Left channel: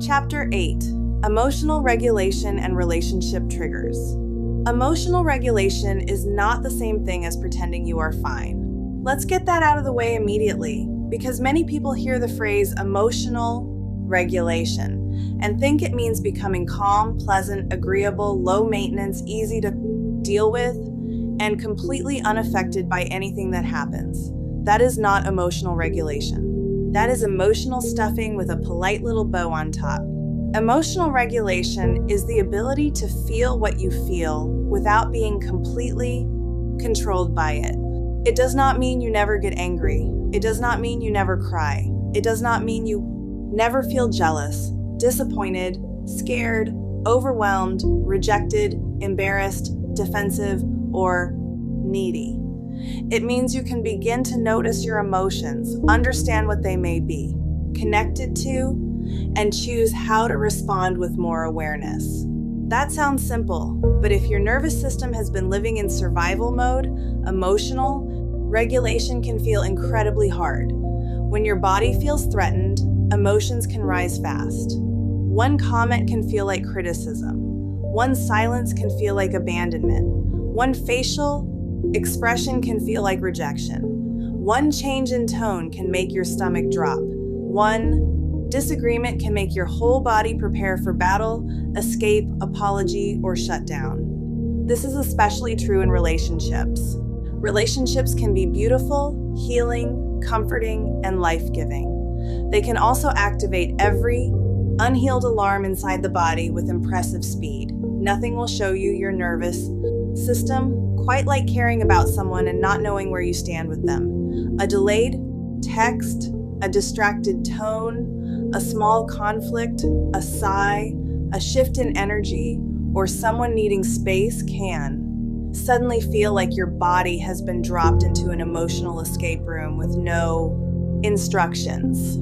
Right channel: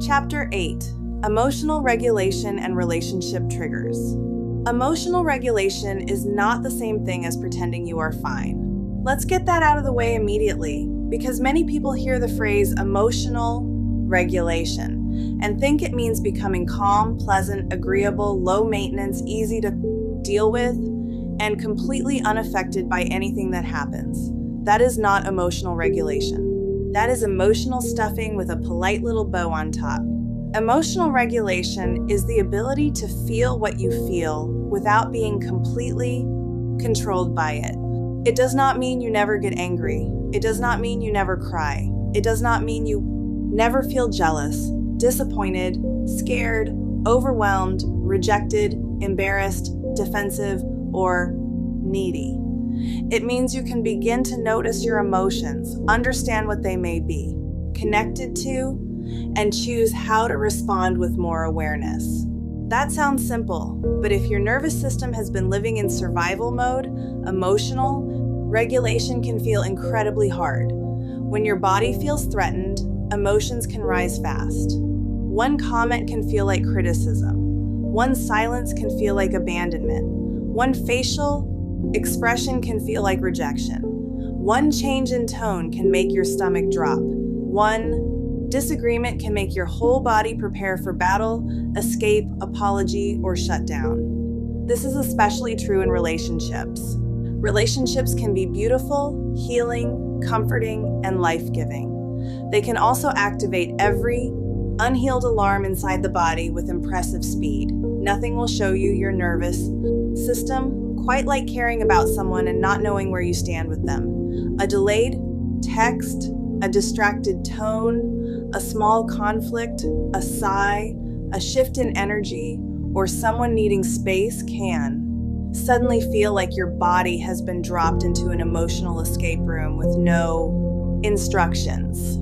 Chapter 8: Emotional Regulation and Relationship Triggers. Emotional regulation is not the same thing as pretending you are fine. Let's get that out of the way immediately, because many people hear the phrase emotional regulation and think it means becoming calm, pleasant, agreeable, low maintenance, easy to deal with, and completely unaffected by anything that happens. That is not emotional regulation. That is emotional stuffing with a polite little bow on top. Emotional regulation is the ability to feel what you feel without being completely controlled by it. It does not mean you never get angry. It does not mean you never cry. It does not mean you never feel jealous, disappointed, scared, overwhelmed, rejected, embarrassed, defensive, or needy. It means you can begin to notice your emotions, understand what they may be, connected to, and choose how to respond with more awareness. That sounds simple, but if your nervous system has been living in survival mode, emotional regulation can feel incredibly hard. When your body feels threatened, emotions can rise fast. One comment can feel like criticism. One silence can feel like abandonment. One facial expression can feel like rejection. One change in tone can make your stomach drop. One disagreement can make your whole body prepare for battle, escape, apology, or shutdown. This is especially true in relationships. Relationships can be beautiful, healing, comforting, and life-giving. They can also activate every unhealed alarm inside the body with impressive speed. Nothing will show you your nervous system quite like caring about someone and not knowing where you stand with them. A delayed text, a distracted tone, a small conflict, a sigh, a shift in energy, or someone needing space can suddenly feel like your body has been dropped into an emotional escape room with no instructions.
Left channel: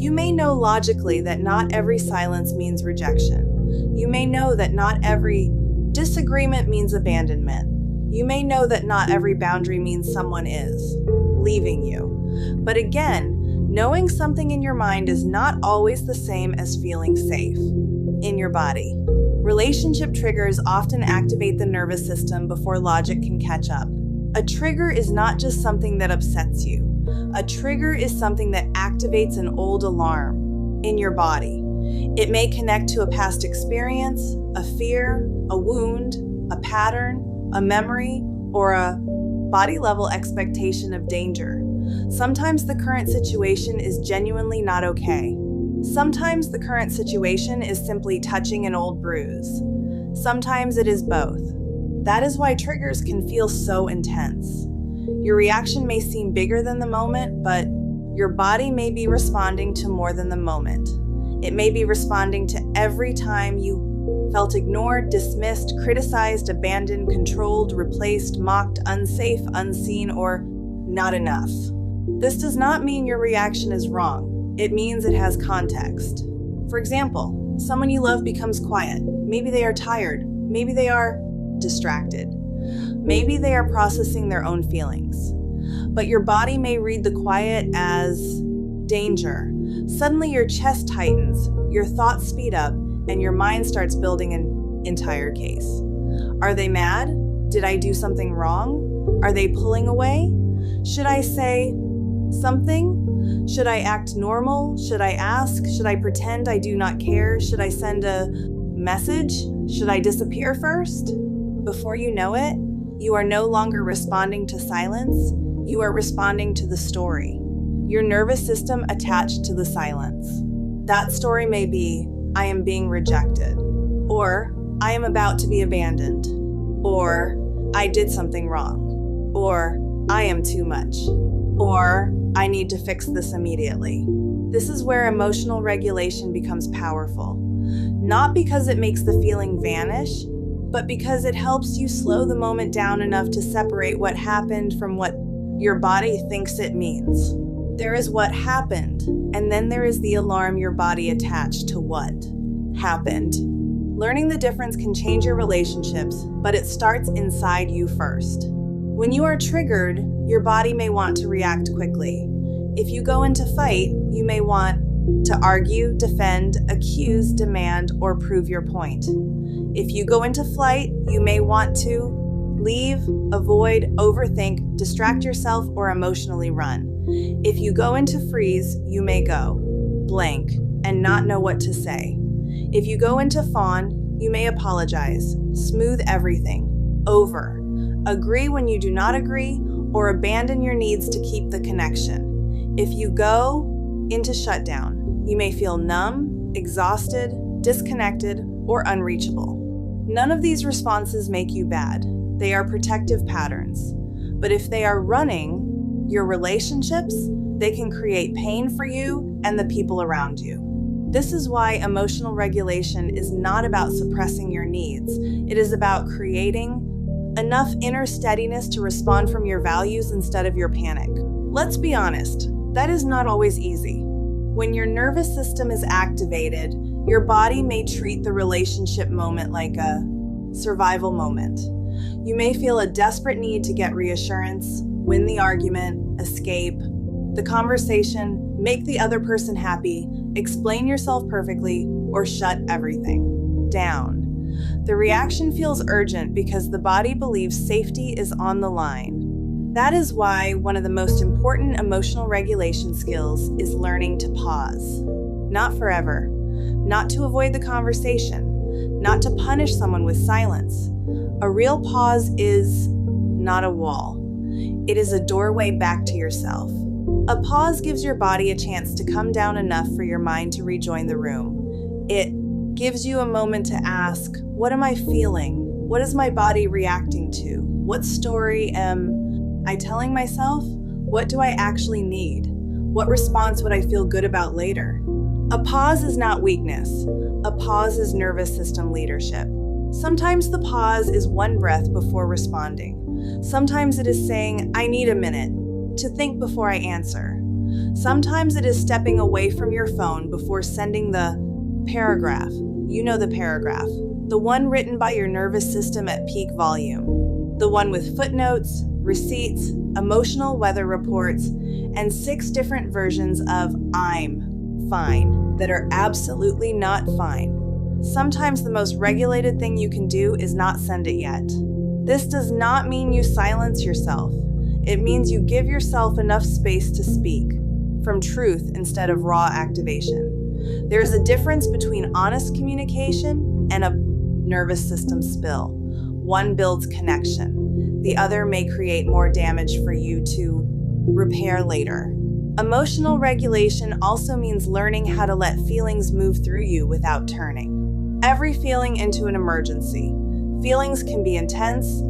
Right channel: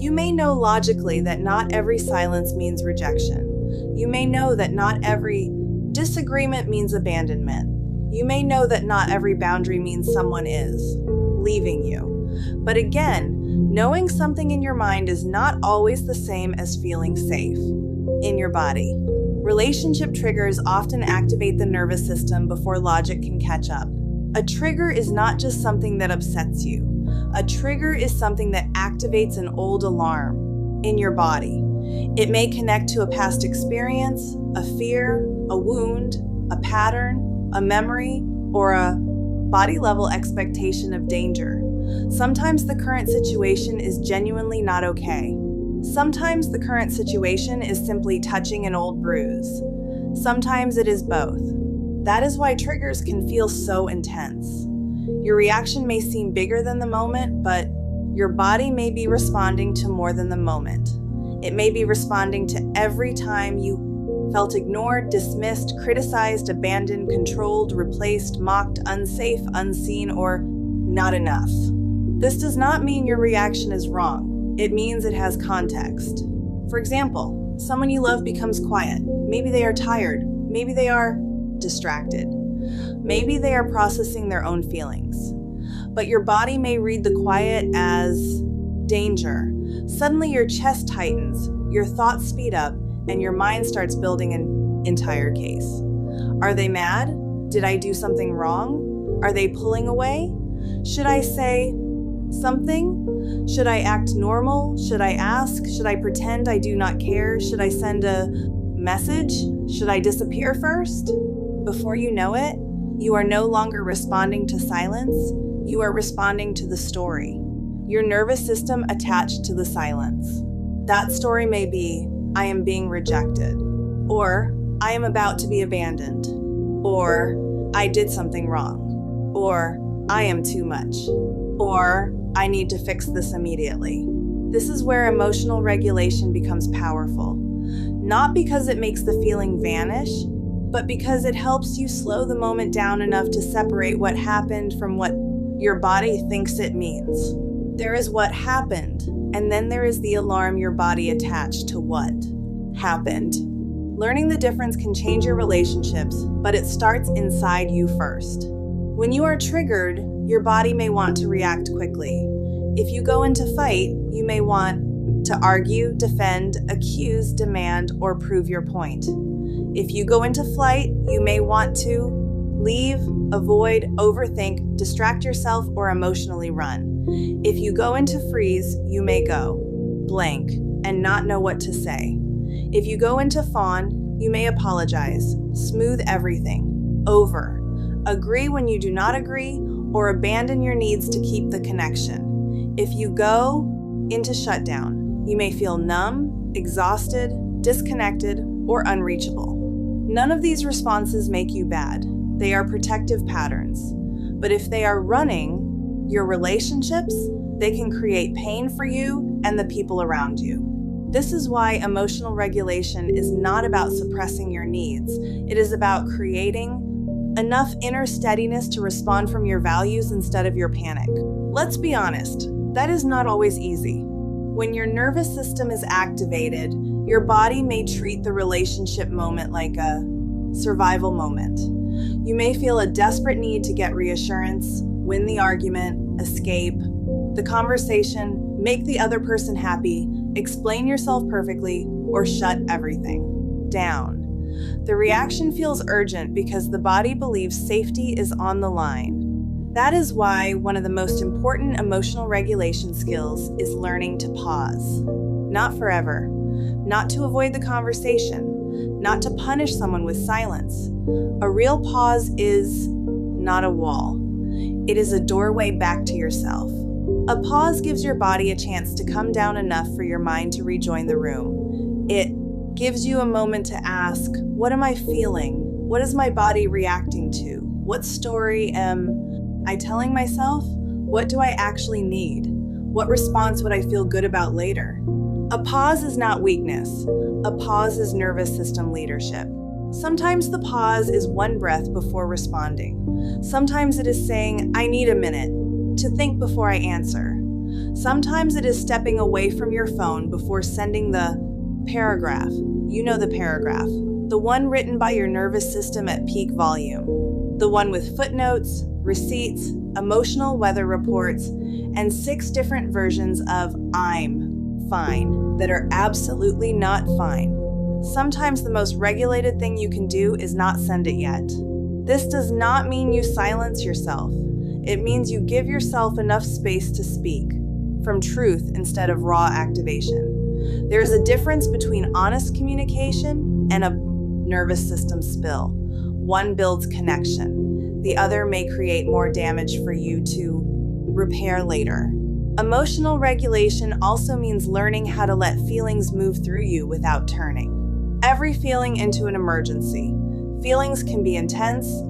You may know logically that not every silence means rejection. You may know that not every disagreement means abandonment. You may know that not every boundary means someone is leaving you. But again, knowing something in your mind is not always the same as feeling safe in your body. Relationship triggers often activate the nervous system before logic can catch up. A trigger is not just something that upsets you. A trigger is something that activates an old alarm in your body. It may connect to a past experience, a fear, a wound, a pattern, a memory, or a body-level expectation of danger. Sometimes the current situation is genuinely not okay. Sometimes the current situation is simply touching an old bruise. Sometimes it is both. That is why triggers can feel so intense. Your reaction may seem bigger than the moment, but your body may be responding to more than the moment. It may be responding to every time you felt ignored, dismissed, criticized, abandoned, controlled, replaced, mocked, unsafe, unseen, or not enough. This does not mean your reaction is wrong. It means it has context. For example, someone you love becomes quiet. Maybe they are tired. Maybe they are distracted. Maybe they are processing their own feelings. But your body may read the quiet as danger. Suddenly your chest tightens, your thoughts speed up, and your mind starts building an entire case. Are they mad? Did I do something wrong? Are they pulling away? Should I say something? Should I act normal? Should I ask? Should I pretend I do not care? Should I send a message? Should I disappear first? Before you know it, you are no longer responding to silence. You are responding to the story. Your nervous system attached to the silence. That story may be, I am being rejected, or I am about to be abandoned, or I did something wrong, or I am too much, or I need to fix this immediately. This is where emotional regulation becomes powerful. Not because it makes the feeling vanish, but because it helps you slow the moment down enough to separate what happened from what your body thinks it means. There is what happened, and then there is the alarm your body attached to what happened. Learning the difference can change your relationships, but it starts inside you first. When you are triggered, your body may want to react quickly. If you go into fight, you may want to argue, defend, accuse, demand, or prove your point. If you go into flight, you may want to leave, avoid, overthink, distract yourself, or emotionally run. If you go into freeze, you may go blank and not know what to say. If you go into fawn, you may apologize, smooth everything, agree when you do not agree, or abandon your needs to keep the connection. If you go into shutdown, you may feel numb, exhausted, disconnected, or unreachable. None of these responses make you bad. They are protective patterns. But if they are running your relationships, they can create pain for you and the people around you. This is why emotional regulation is not about suppressing your needs. It is about creating enough inner steadiness to respond from your values instead of your panic. Let's be honest, that is not always easy. When your nervous system is activated, your body may treat the relationship moment like a survival moment. You may feel a desperate need to get reassurance, win the argument, escape the conversation, make the other person happy, explain yourself perfectly, or shut everything down. The reaction feels urgent because the body believes safety is on the line. That is why one of the most important emotional regulation skills is learning to pause. Not forever, not to avoid the conversation, not to punish someone with silence. A real pause is not a wall. It is a doorway back to yourself. A pause gives your body a chance to come down enough for your mind to rejoin the room. It gives you a moment to ask, what am I feeling? What is my body reacting to? What story am I telling myself? What do I actually need? What response would I feel good about later? A pause is not weakness. A pause is nervous system leadership. Sometimes the pause is one breath before responding. Sometimes it is saying, I need a minute to think before I answer. Sometimes it is stepping away from your phone before sending the paragraph. You know the paragraph. The one written by your nervous system at peak volume. The one with footnotes, receipts, emotional weather reports, and 6 different versions of I'm fine that are absolutely not fine. Sometimes the most regulated thing you can do is not send it yet. This does not mean you silence yourself. It means you give yourself enough space to speak from truth instead of raw activation. There is a difference between honest communication and a nervous system spill. One builds connection. The other may create more damage for you to repair later. Emotional regulation also means learning how to let feelings move through you without turning every feeling into an emergency. Feelings can be intense,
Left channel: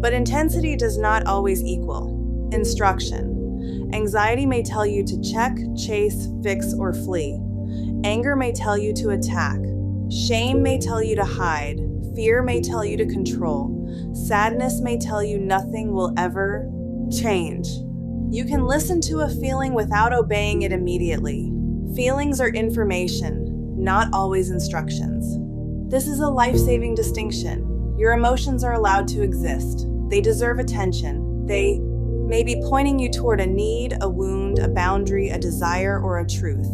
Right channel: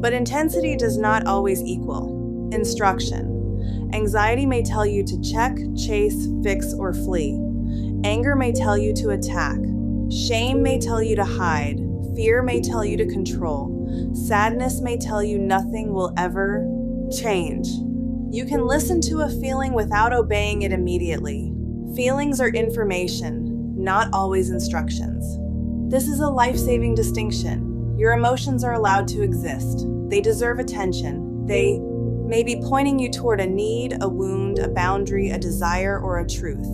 but intensity does not always equal instruction. Anxiety may tell you to check, chase, fix, or flee. Anger may tell you to attack. Shame may tell you to hide. Fear may tell you to control. Sadness may tell you nothing will ever change. You can listen to a feeling without obeying it immediately. Feelings are information, not always instructions. This is a life-saving distinction. Your emotions are allowed to exist. They deserve attention. They may be pointing you toward a need, a wound, a boundary, a desire, or a truth.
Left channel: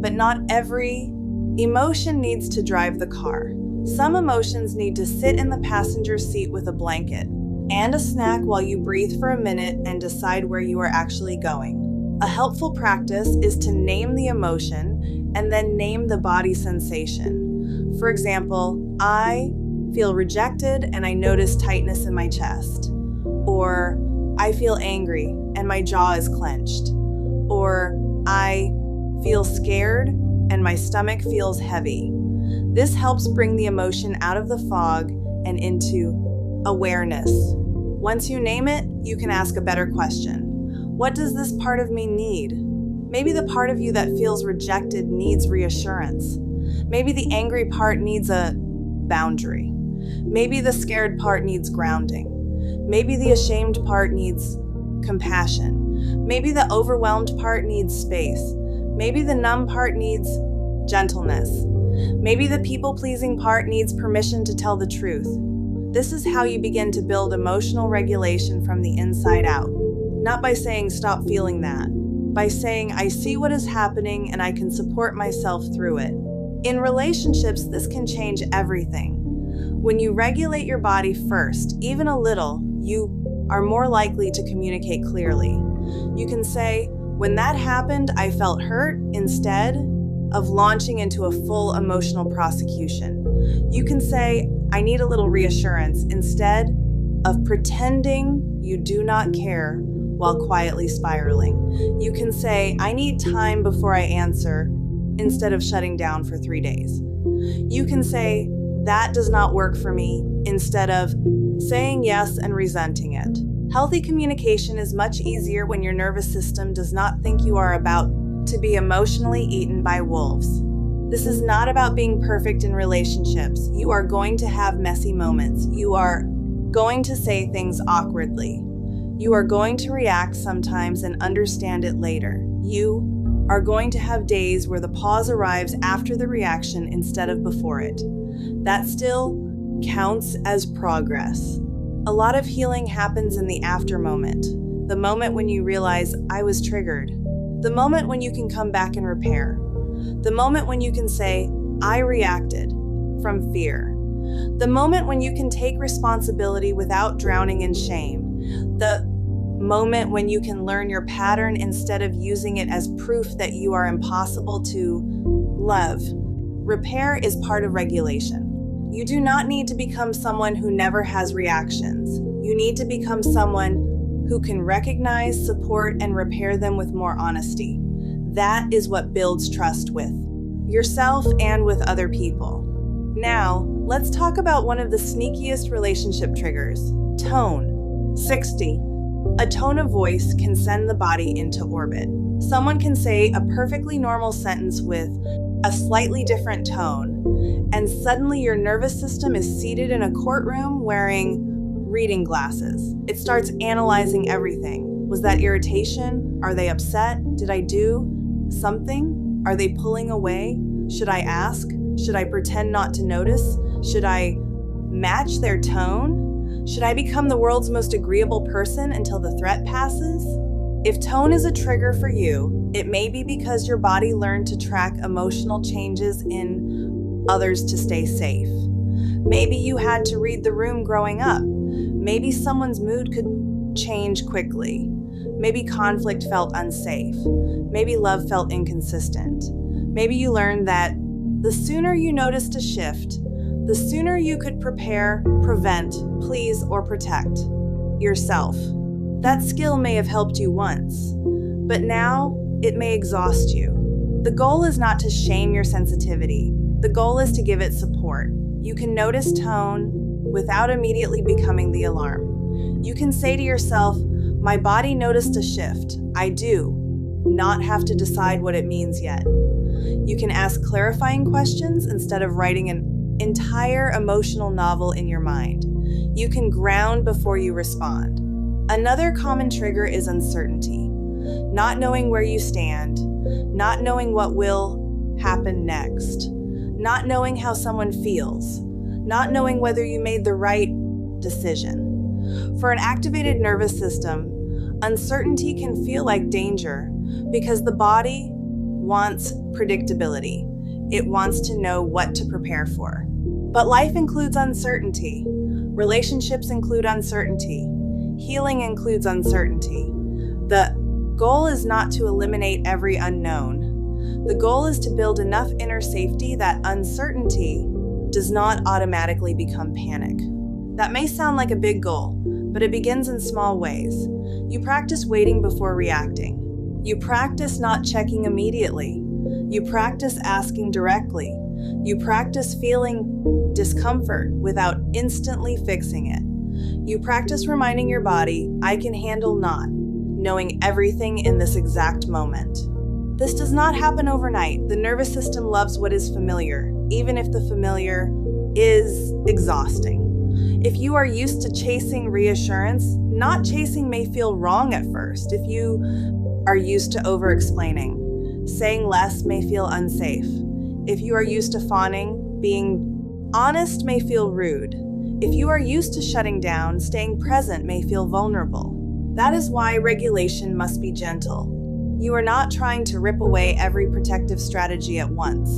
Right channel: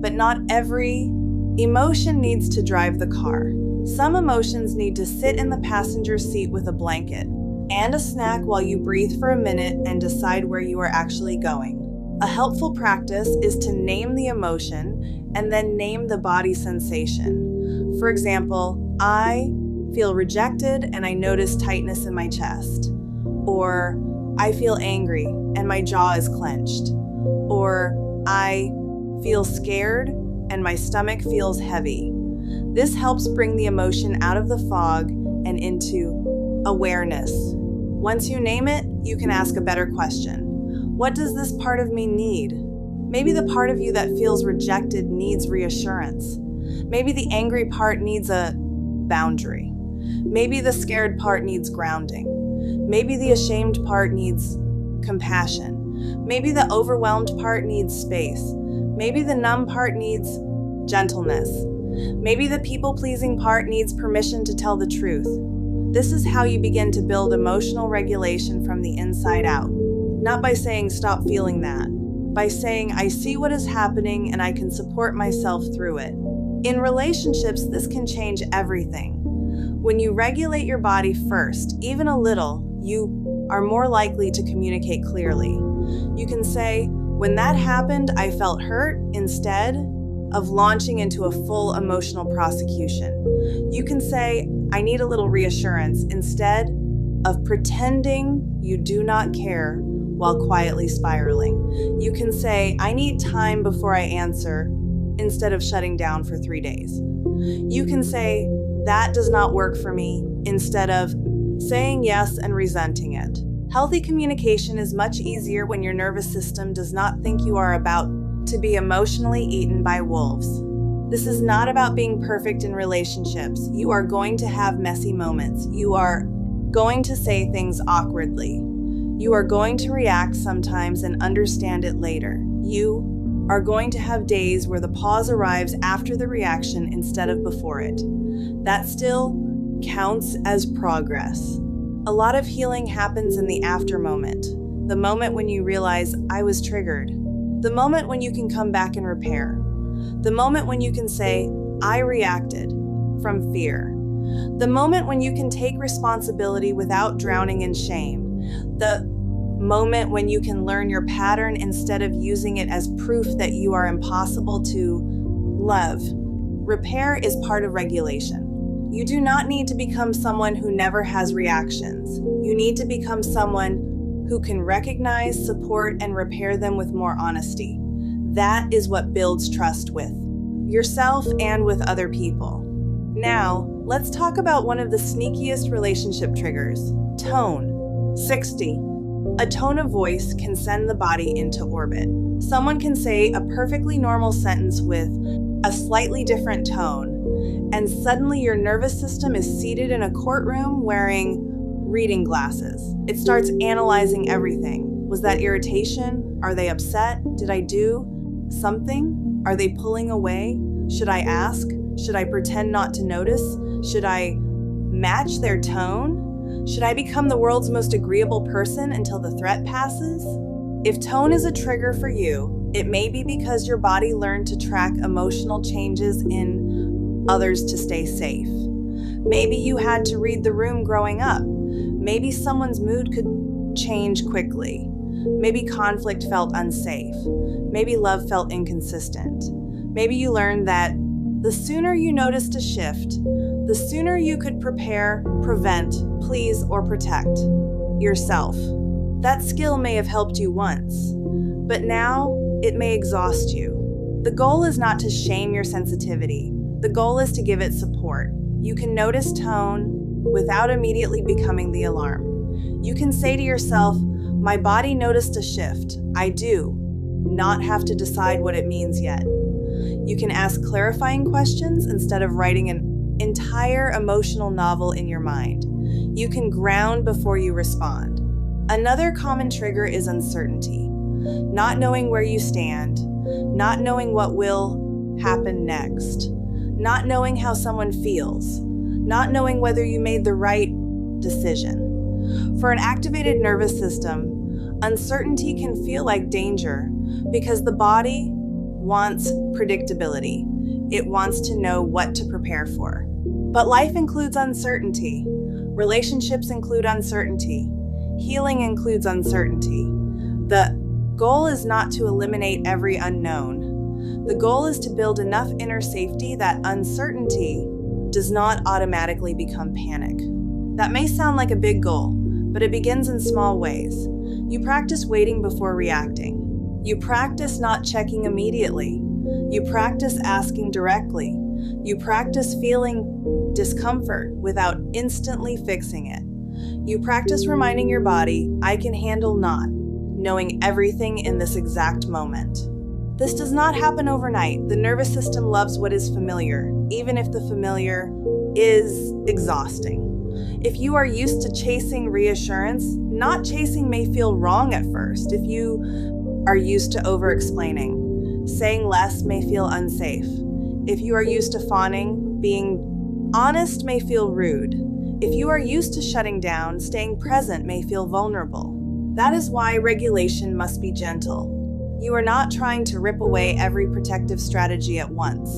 But not every emotion needs to drive the car. Some emotions need to sit in the passenger seat with a blanket and a snack while you breathe for a minute and decide where you are actually going. A helpful practice is to name the emotion and then name the body sensation. For example, I feel rejected and I notice tightness in my chest. Or I feel angry and my jaw is clenched. Or I feel scared and my stomach feels heavy. This helps bring the emotion out of the fog and into awareness. Once you name it, you can ask a better question. What does this part of me need? Maybe the part of you that feels rejected needs reassurance. Maybe the angry part needs a boundary. Maybe the scared part needs grounding. Maybe the ashamed part needs compassion. Maybe the overwhelmed part needs space. Maybe the numb part needs gentleness. Maybe the people-pleasing part needs permission to tell the truth. This is how you begin to build emotional regulation from the inside out. Not by saying, stop feeling that, by saying, I see what is happening and I can support myself through it. In relationships, this can change everything. When you regulate your body first, even a little, you are more likely to communicate clearly. You can say, when that happened, I felt hurt, instead of launching into a full emotional prosecution. You can say, I need a little reassurance, instead of pretending you do not care while quietly spiraling. You can say, I need time before I answer, instead of shutting down for 3 days. You can say, that does not work for me, instead of saying yes and resenting it. Healthy communication is much easier when your nervous system does not think you are about to be emotionally eaten by wolves. This is not about being perfect in relationships. You are going to have messy moments. You are going to say things awkwardly. You are going to react sometimes and understand it later. You are going to have days where the pause arrives after the reaction instead of before it. That still counts as progress. A lot of healing happens in the after moment, the moment when you realize I was triggered, the moment when you can come back and repair, the moment when you can say I reacted from fear, the moment when you can take responsibility without drowning in shame, the moment when you can learn your pattern instead of using it as proof that you are impossible to love. Repair is part of regulation. You do not need to become someone who never has reactions. You need to become someone who can recognize, support, and repair them with more honesty. That is what builds trust with yourself and with other people. Now, let's talk about one of the sneakiest relationship triggers, tone. 60. A tone of voice can send the body into orbit. Someone can say a perfectly normal sentence with a slightly different tone, and suddenly your nervous system is seated in a courtroom wearing reading glasses. It starts analyzing everything. Was that irritation? Are they upset? Did I do something? Are they pulling away? Should I ask? Should I pretend not to notice? Should I match their tone? Should I become the world's most agreeable person until the threat passes? If tone is a trigger for you, it may be because your body learned to track emotional changes in others to stay safe. Maybe you had to read the room growing up. Maybe someone's mood could change quickly. Maybe conflict felt unsafe. Maybe love felt inconsistent. Maybe you learned that the sooner you noticed a shift, the sooner you could prepare, prevent, please, or protect yourself. That skill may have helped you once, but now it may exhaust you. The goal is not to shame your sensitivity. The goal is to give it support. You can notice tone without immediately becoming the alarm. You can say to yourself, my body noticed a shift. I do not have to decide what it means yet. You can ask clarifying questions instead of writing an entire emotional novel in your mind. You can ground before you respond. Another common trigger is uncertainty. Not knowing where you stand, not knowing what will happen next, not knowing how someone feels, not knowing whether you made the right decision. For an activated nervous system, uncertainty can feel like danger because the body wants predictability. It wants to know what to prepare for. But life includes uncertainty. Relationships include uncertainty. Healing includes uncertainty. The goal is not to eliminate every unknown. The goal is to build enough inner safety that uncertainty does not automatically become panic. That may sound like a big goal, but it begins in small ways. You practice waiting before reacting. You practice not checking immediately. You practice asking directly. You practice feeling discomfort without instantly fixing it. You practice reminding your body, I can handle not knowing everything in this exact moment. This does not happen overnight. The nervous system loves what is familiar, even if the familiar is exhausting. If you are used to chasing reassurance, not chasing may feel wrong at first. If you are used to over-explaining, saying less may feel unsafe. If you are used to fawning, being honest may feel rude. If you are used to shutting down, staying present may feel vulnerable. That is why regulation must be gentle. You are not trying to rip away every protective strategy at once.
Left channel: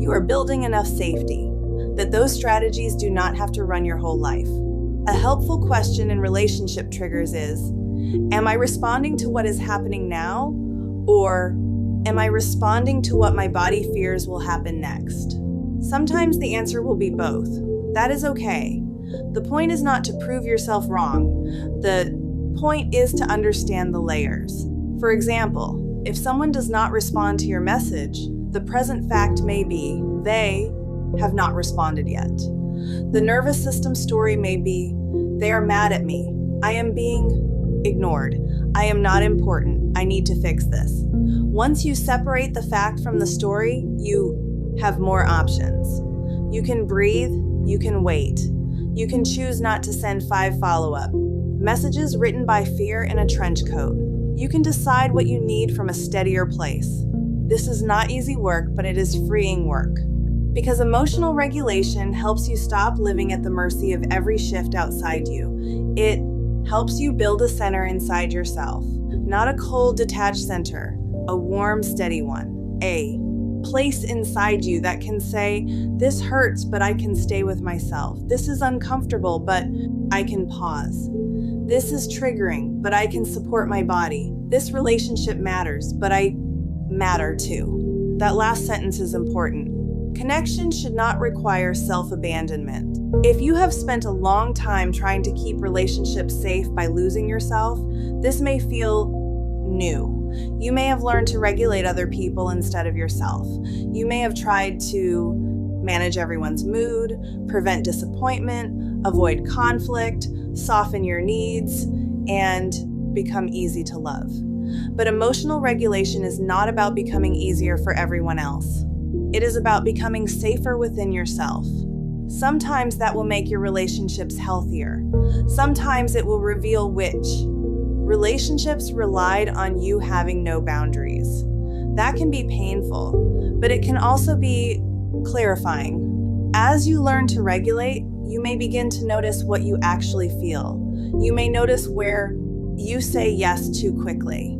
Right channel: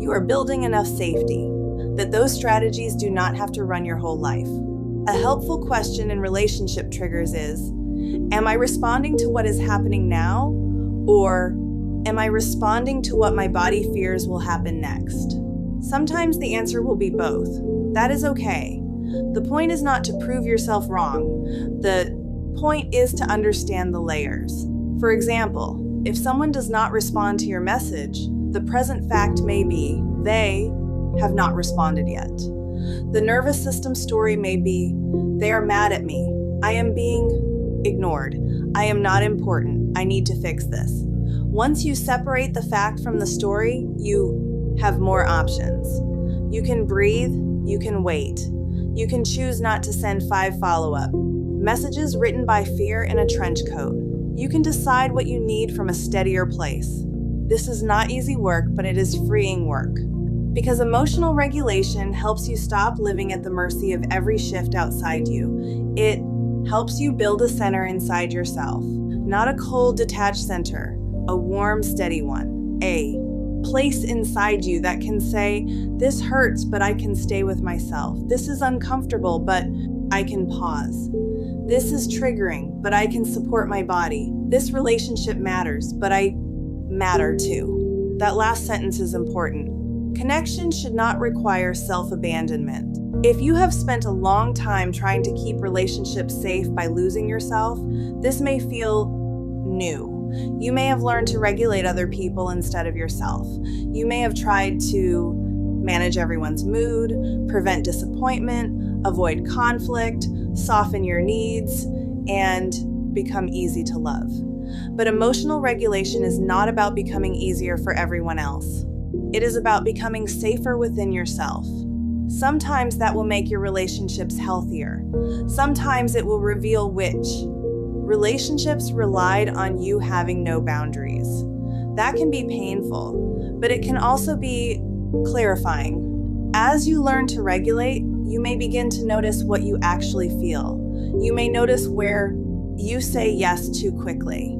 You are building enough safety that those strategies do not have to run your whole life. A helpful question in relationship triggers is, am I responding to what is happening now, or am I responding to what my body fears will happen next? Sometimes the answer will be both. That is okay. The point is not to prove yourself wrong. The point is to understand the layers. For example, if someone does not respond to your message, the present fact may be they have not responded yet. The nervous system story may be, they are mad at me. I am being ignored. I am not important. I need to fix this. Once you separate the fact from the story, you have more options. You can breathe. You can wait. You can choose not to send 5 follow-up messages written by fear in a trench coat. You can decide what you need from a steadier place. This is not easy work, but it is freeing work. Because emotional regulation helps you stop living at the mercy of every shift outside you. It helps you build a center inside yourself. Not a cold, detached center, a warm, steady one. A place inside you that can say, this hurts, but I can stay with myself. This is uncomfortable, but I can pause. This is triggering, but I can support my body. This relationship matters, but I matter too. That last sentence is important. Connection should not require self-abandonment. If you have spent a long time trying to keep relationships safe by losing yourself, this may feel new. You may have learned to regulate other people instead of yourself. You may have tried to manage everyone's mood, prevent disappointment, avoid conflict, soften your needs, and become easy to love. But emotional regulation is not about becoming easier for everyone else. It is about becoming safer within yourself. Sometimes that will make your relationships healthier. Sometimes it will reveal which relationships relied on you having no boundaries. That can be painful, but it can also be clarifying. As you learn to regulate, you may begin to notice what you actually feel. You may notice where you say yes too quickly.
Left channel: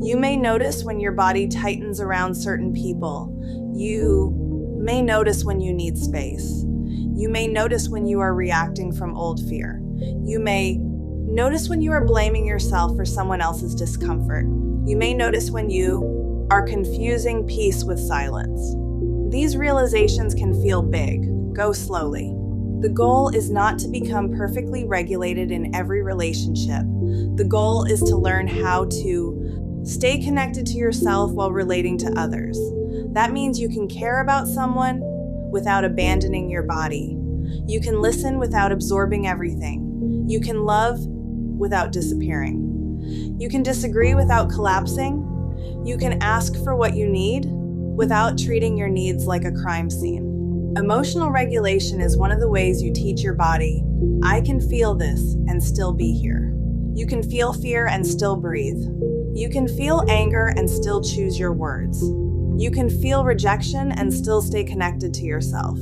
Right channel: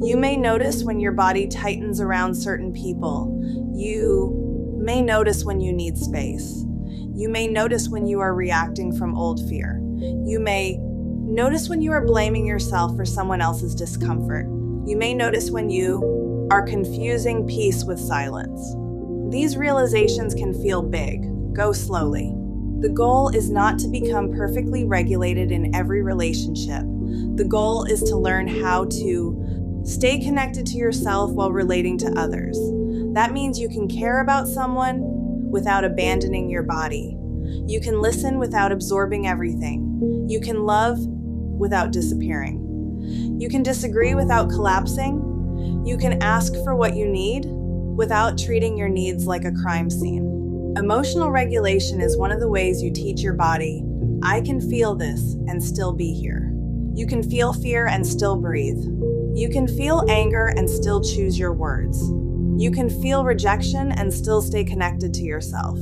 You may notice when your body tightens around certain people. You may notice when you need space. You may notice when you are reacting from old fear. You may notice when you are blaming yourself for someone else's discomfort. You may notice when you are confusing peace with silence. These realizations can feel big. Go slowly. The goal is not to become perfectly regulated in every relationship. The goal is to learn how to stay connected to yourself while relating to others. That means you can care about someone without abandoning your body. You can listen without absorbing everything. You can love without disappearing. You can disagree without collapsing. You can ask for what you need without treating your needs like a crime scene. Emotional regulation is one of the ways you teach your body, I can feel this and still be here. You can feel fear and still breathe. You can feel anger and still choose your words. You can feel rejection and still stay connected to yourself.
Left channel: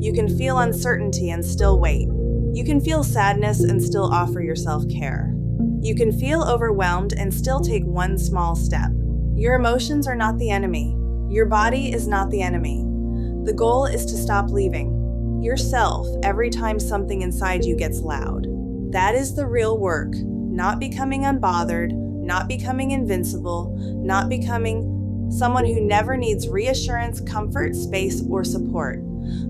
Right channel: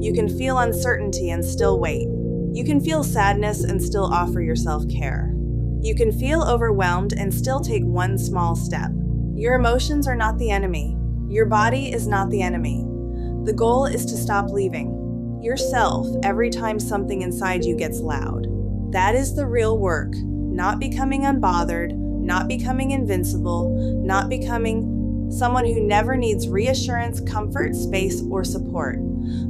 You can feel uncertainty and still wait. You can feel sadness and still offer yourself care. You can feel overwhelmed and still take one small step. Your emotions are not the enemy. Your body is not the enemy. The goal is to stop leaving yourself every time something inside you gets loud. That is the real work, not becoming unbothered, not becoming invincible, not becoming someone who never needs reassurance, comfort, space, or support.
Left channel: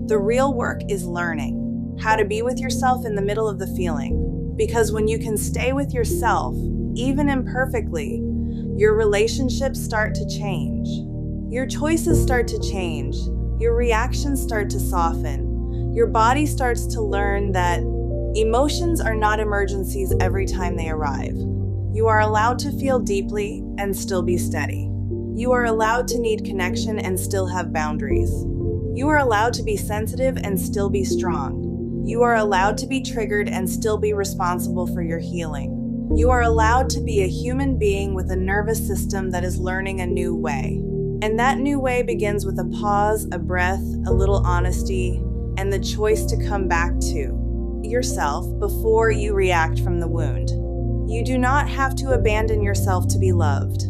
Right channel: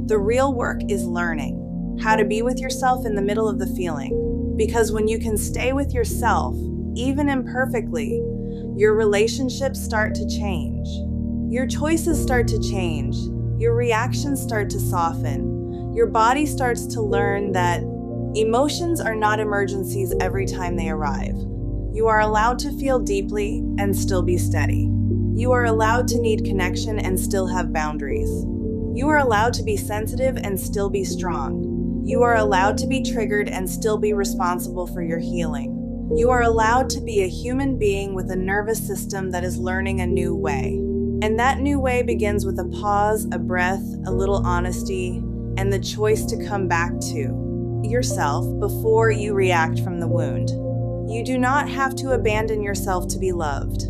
The real work is learning how to be with yourself in the middle of the feeling. Because when you can stay with yourself, even imperfectly, your relationships start to change. Your choices start to change. Your reactions start to soften. Your body starts to learn that emotions are not emergencies every time they arrive. You are allowed to feel deeply and still be steady. You are allowed to need connection and still have boundaries. You are allowed to be sensitive and still be strong. You are allowed to be triggered and still be responsible for your healing. You are allowed to be a human being with a nervous system that is learning a new way. And that new way begins with a pause, a breath, a little honesty, and the choice to come back to yourself before you react from the wound. You do not have to abandon yourself to be loved.